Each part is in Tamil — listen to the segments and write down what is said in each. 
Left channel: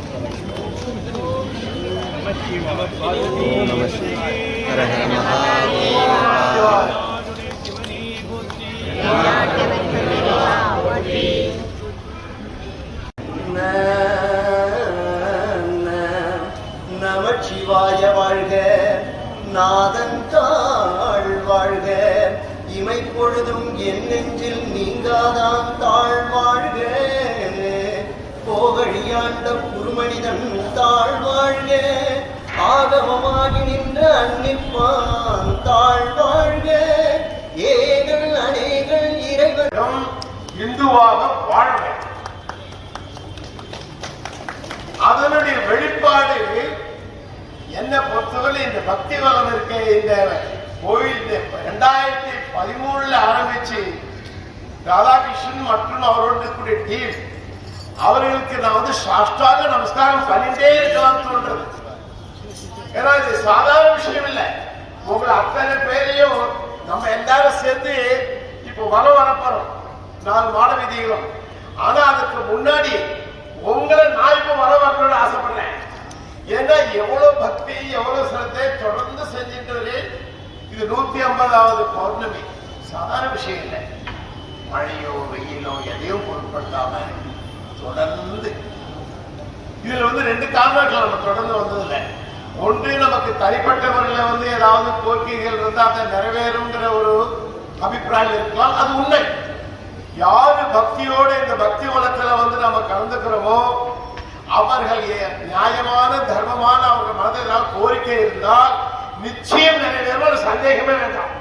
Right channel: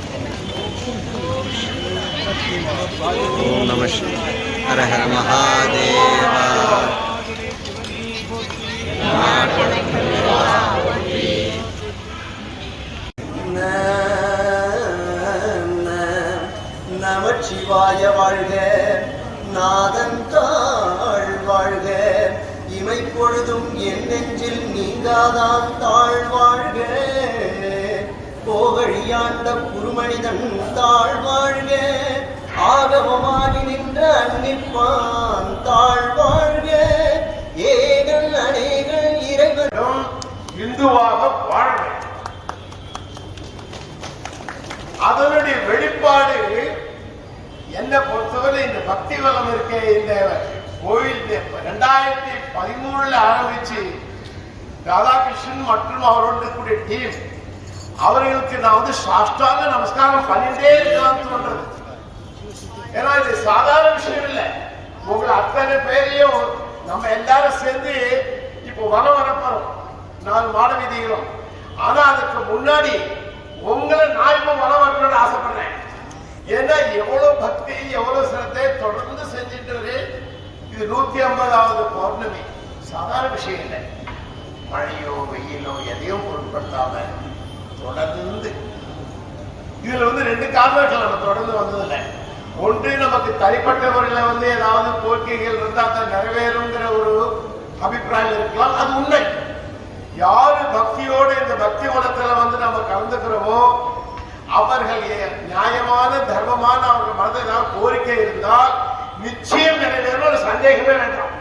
ஓம் நம ஹர ஹர மகாதேவா நமச்சிவாய வாழ்க நாதன் தாழ் வாழ்க. இமை பொழுதும் என் நெஞ்சில் நீங்காதான் தாழ்வாழ் ஆண்ட குருமனிதன் தாழ் வாழ்க ஆகமமாகி நின்ற அன்னிப்பான் தாழ் வாழ்க ஏகல் அநேகல் இறைவன். இந்துவாக வாழ அதனுடைய வெளிப்பாடு என்ன பொறுத்தவரை இந்த பக்தி வளம் இருக்க இந்த கோயில் ரெண்டாயிரத்தி பதிமூணுல ஆரம்பிச்சு ராதாகிருஷ்ணன் மற்றும் அவரோட கூடிய டீம் அவர்களுக்கு நான் வந்து சாஷ்டாங்க நமஸ்காரம் பண்ணிட்டே இருக்கலாம் தோன்றது. ஏன்னா இது சாதாரண விஷயம் இல்லை. உங்களை அத்தனை பேரையும் நம்ம எல்லாரும் சேர்ந்து இப்போ வனம் வரப்போறோம் நாலு மாட விதிகளும். ஆனா அதுக்கு முன்னாடி உங்களை நான் இப்ப வனம் வரணும்னு ஆசைப்படுறேன். ஏன்னா எவ்வளவு பக்தி எவ்வளவு சிரத்தை தொடர்ந்து செஞ்சுட்டு வரு. இது நூத்தி ஐம்பதாவது பௌர்ணமி. சாதாரண விஷயம் இல்லை. மழையோ வெயிலோ எதையும் பொருட்படுத்தாம தொடர்ந்து. இதுல வந்து ரெண்டு காரணம் நம்ம தொடர்ந்து வந்ததில்ல. ஒன்று நமக்கு தனிப்பட்ட முறையில வந்து ஏதாவது கோரிக்கைகள் இருந்தா அதை நிறைவேறுங்கிற ஒரு அபிப்பிராயம் இருக்கலாம். அது உண்மை. யாரு பக்தியோடு இந்த பக்தி வனத்துல வந்து நம்ம கலந்துக்கிறோமோ அவர்கள் நியாயமான தர்மமான அவங்க மனதில் ஏதாவது கோரிக்கை இருந்தால் நிச்சயம் நிறைவேறும். ஒரு சந்தேகமே வேண்டாம்.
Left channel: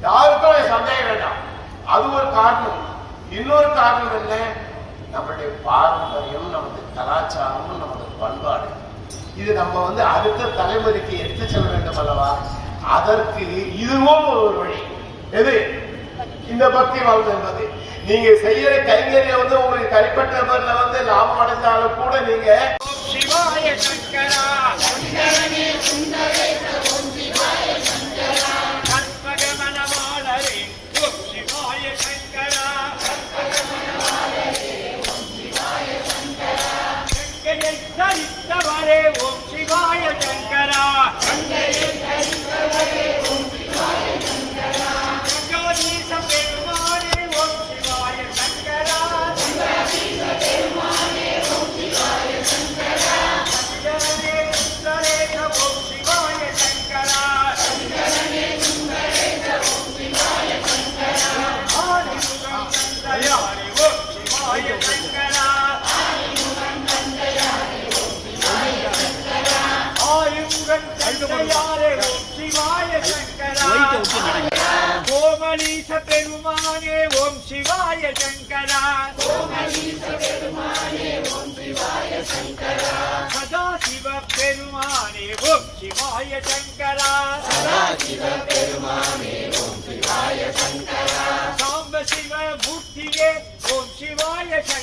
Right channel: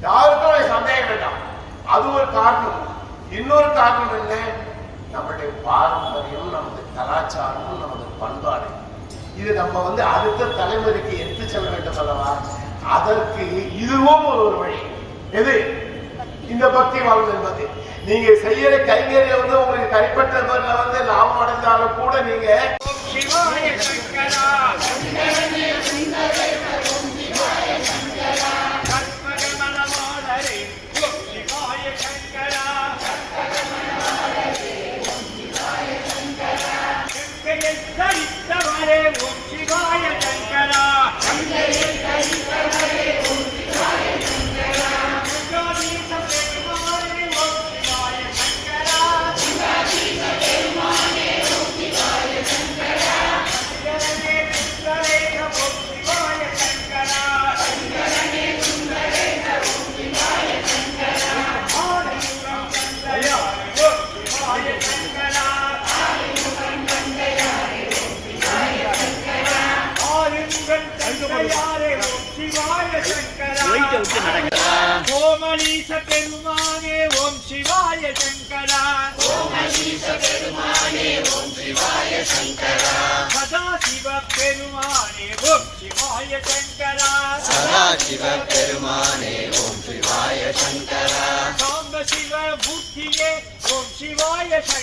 யாருக்கும் சந்தேகம் வேண்டாம். அது ஒரு காரணம். இன்னொரு காரணம் என்ன? நம்மளுடைய பாரம்பரியம் நமது கலாச்சாரமும் நமது பண்பாடு. இது நம்ம வந்து அடுத்த தலைமுறைக்கு எடுத்து செல்ல வேண்டும் அல்லவா? அதற்கு இதுவும் ஒரு வழி. எது? இந்த பக்தி வாழ்வு என்பது. நீங்க செய்யற கைங்கரியம் வந்து உங்களுக்கு கைப்பற்ற முறையில வந்து லாபம் அடைஞ்சாலும் கூட நீங்க Hey! கோமலீச பெருமானே ஓம் சிவாய சங்கரா சதாசிவ பெருமானே ஓம் சிவாய சங்கரா சதாசிவ பெருமானே ஓம் சிவாய சங்கரா சாம்ப சிவ மூர்த்தியே ஓம் சிவாய சங்கரா